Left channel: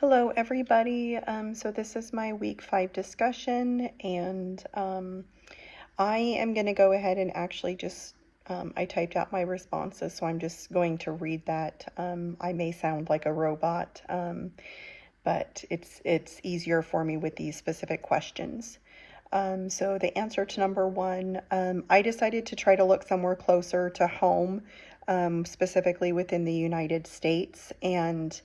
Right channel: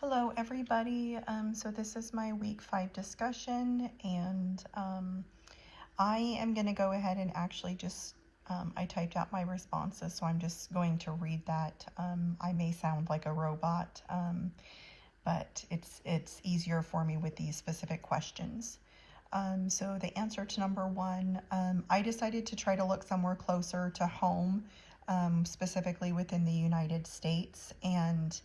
Hello, everybody. So this is my week 5 discussion, and I am going to go ahead and actually I typed out my responses, so I'm just going to read that. I may sound like a robot, but it's easier for me with these specific questions. So the answer to number 1, I decided to try to look somewhere closer to home, specifically within the United States, and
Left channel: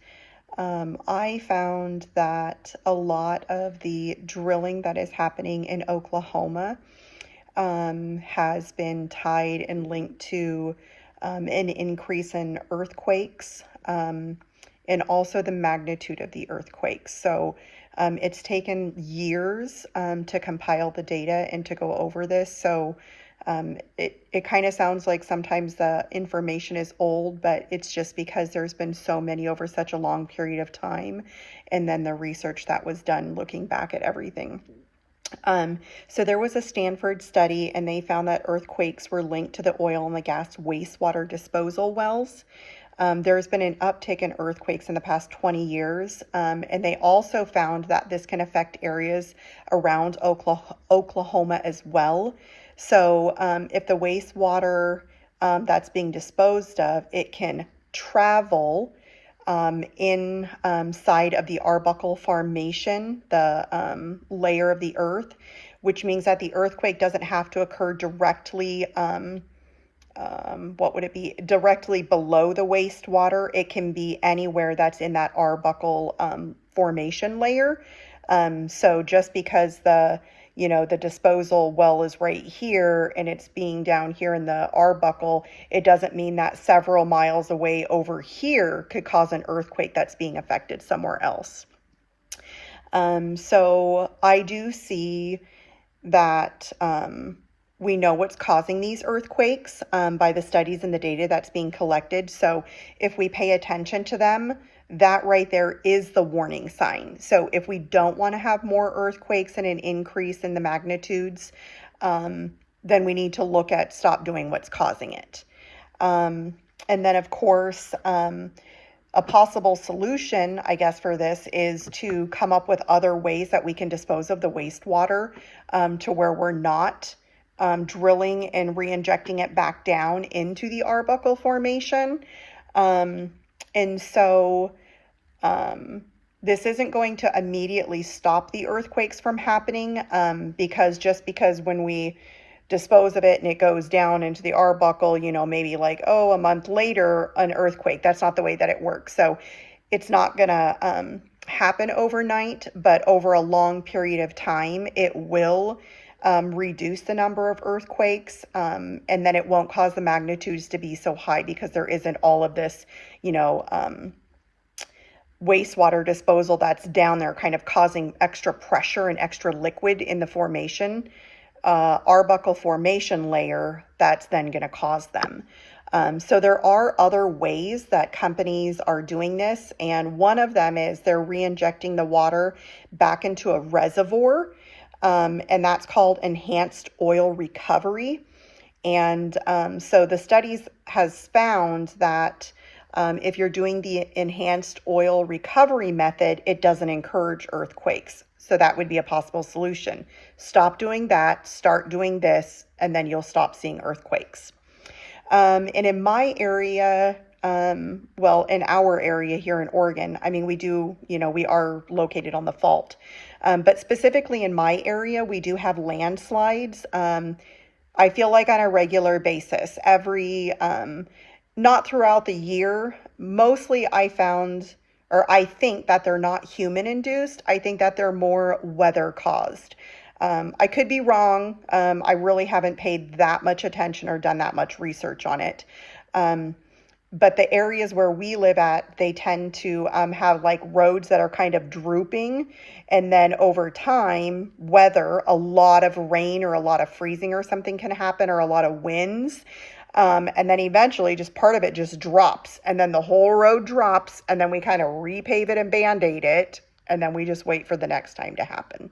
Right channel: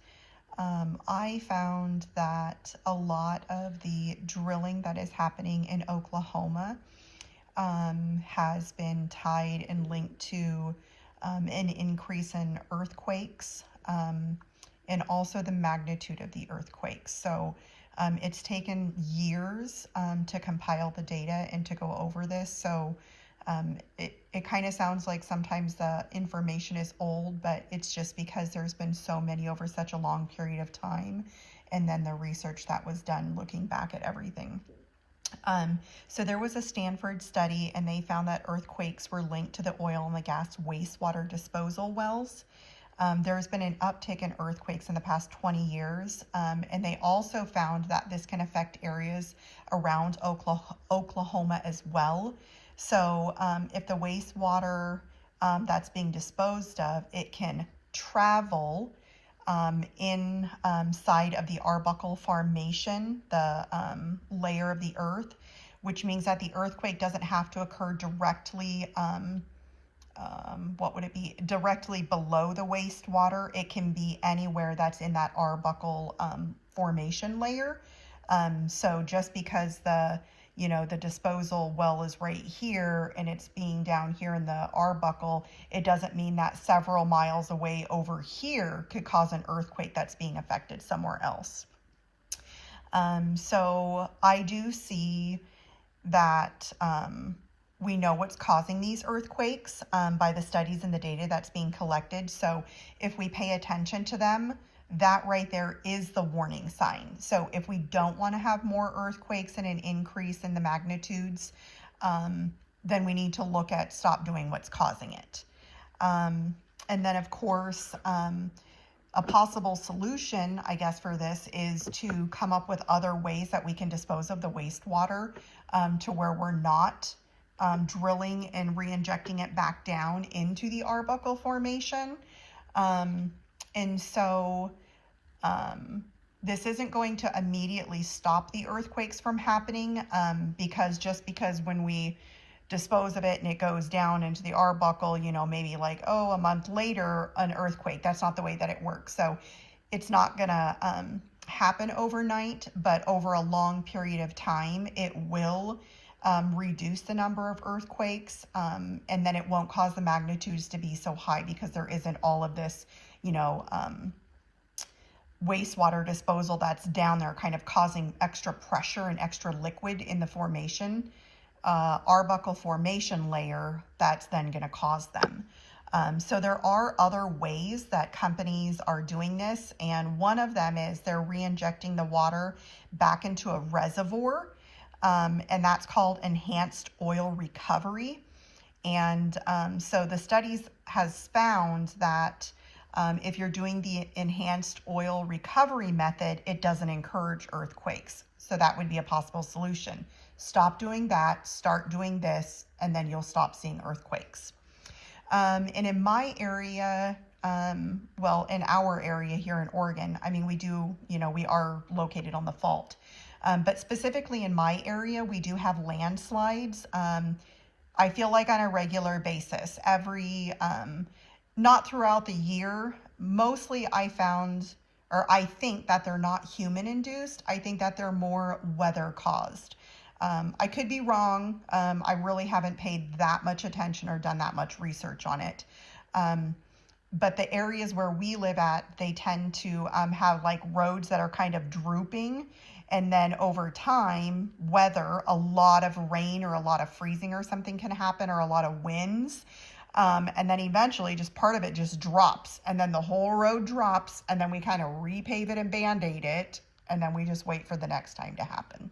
I found that a lot of the drilling that is happening in Oklahoma has been tied and linked to an increase in earthquakes and also the magnitude of the earthquakes. So it's taken years to compile the data and to go over this. So it kind of sounds like sometimes the information is old, but it's just because there's been so many over such a long period of time, and then the research that was done looking back at everything. So there was a Stanford study, and they found that earthquakes were linked to the oil and the gas wastewater disposal wells. There's been an uptick in earthquakes in the past 20 years, and they also found that this can affect areas around Oklahoma as well. So if the wastewater that's being disposed of, it can travel inside of the Arbuckle Formation, the layer of the earth, which means that the earthquake doesn't have to occur directly, directly below the wastewater. It can be anywhere that's in that Arbuckle Formation layer. So just because the disposal well is right here and it's being down here in the Arbuckle, it doesn't mean that several miles away over here could cause an earthquake that's being affected somewhere else. So I do see that we know what's causing these earthquakes by the studies and the data that's being collected. So if we pay attention to them, that right there is the warning sign. So if we don't want to have more earthquakes and an increase in the magnitudes, then we need to look at stop doing what's causing it. And then, of course, a possible solution, I guess, for this is to come up with other ways that we can dispose of the wastewater to where we're not drilling and re-injecting it back down into the Arbuckle Formation. And so this isn't going to immediately stop the earthquakes from happening because when we dispose of it and it goes down into the Arbuckle, maybe like, a month later, an earthquake. That's not the way that it works. So it's not going to happen overnight, but over a long period of time, it will reduce the number of earthquakes, and then it won't cause the magnitudes to be so high because there isn't all of this, wastewater disposal that's down there kind of causing extra pressure and extra liquid in the formation, Arbuckle Formation layer that's then going to cause them. So there are other ways that companies are doing this, and one of them is they're re-injecting the water back into a reservoir, and that's called enhanced oil recovery. And so the studies has found that if you're doing the enhanced oil recovery method, it doesn't encourage earthquakes. So that would be a possible solution. Stop doing that, start doing this, and then you'll stop seeing earthquakes. And in my area, in our area here in Oregon, we are located on the fault. But specifically in my area, we do have landslides. I feel like on a regular basis, not throughout the year. Mostly I think that they're not human induced. I think that they're more weather caused. I could be wrong. I really haven't paid that much attention or done that much research on it. But the areas where we live at, they tend to have like roads that are kind of drooping. And then over time, a lot of rain or a lot of freezing or something can happen, or a lot of winds. And then eventually just part of it just drops, and then the whole road drops, and then we kind of repave it and band-aid it, and then we just wait for the next time to happen.